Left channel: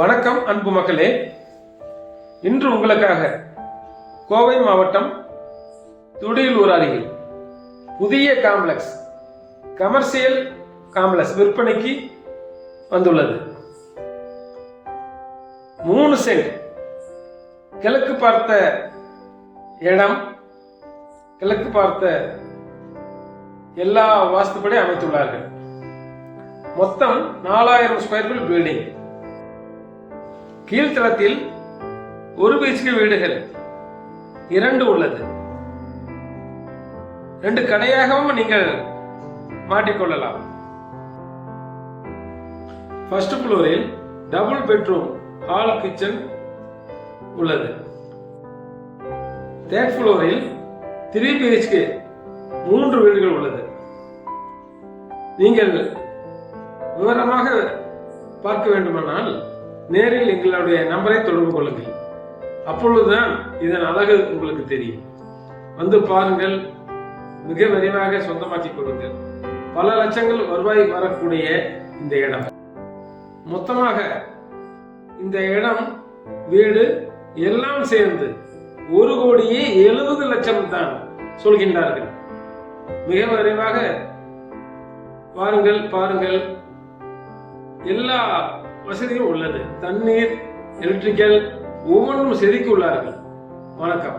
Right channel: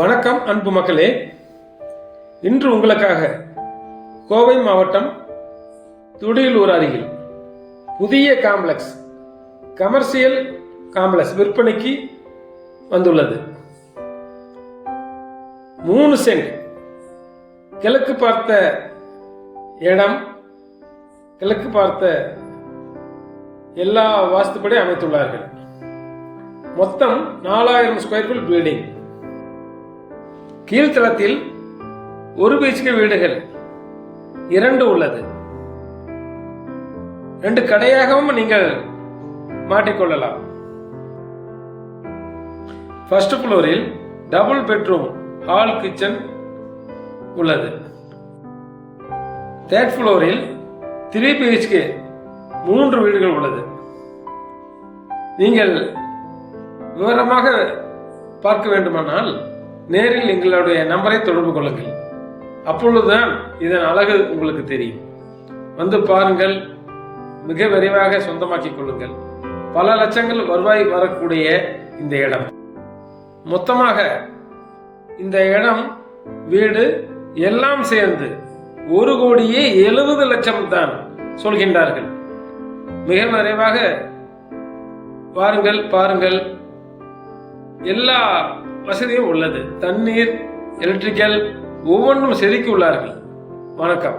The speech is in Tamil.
வணக்கம் அன்பு மக்களே. இன்று உங்களுக்காக கோவை மாவட்டம் துடியலூர் அருகில் புதிய கமர்ஷியல் காம்ப்ளெக்ஸ் விற்பனைக்கு வந்துள்ளது. 3 சென்ட் கிழக்கு பார்த்த இடம், கிழக்கு பார்த்த எல்லா வாஸ்துப்படி அமைத்துள்ளார்கள். மொத்தம் 4000 ஸ்கொயர் ஃபீட் பில்டிங். கீழ்த்தளத்தில் 1 BHK வீடுகள் 2 உள்ளது. 2 கடையாகவும் நீங்கள் மாட்டிக்கொள்ளலாம். ஃபர்ஸ்ட் ஃப்ளோரில் டபுள் பெட்ரூம் ஹால் கிச்சன் உள்ளது. 3rd ஃப்ளோரில் 3 BHK 3 வீடுகள் உள்ளது. நீங்கள் விவரமாக பார்க்க வேண்டுமானால் நேரில் எங்களுடைய நம்பரை தொடர்பு கொள்ளுங்கள். அப்பொழுதுதான் இதன் அழகு உங்களுக்கு தெரியும். வந்து பாருங்கள், மிக விரைவாக சொந்தமாக்கிக் கொள்ளுங்கள். பல லட்சங்கள் வருவாய் வரக்கூடிய இந்த இடம். மொத்தமாக இந்த இடம், வீடு எல்லாம் சேர்ந்து 1,70,00,000 தான் சொல்கின்றார்கள். மிக விரைவாக பாருங்கள். எல்லா வசதியும் உள்ளது. தண்ணீர், எலக்ட்ரிக்கல் ஒவ்வொன்றும் செதுக்கி உள்ளார்கள். வணக்கம்.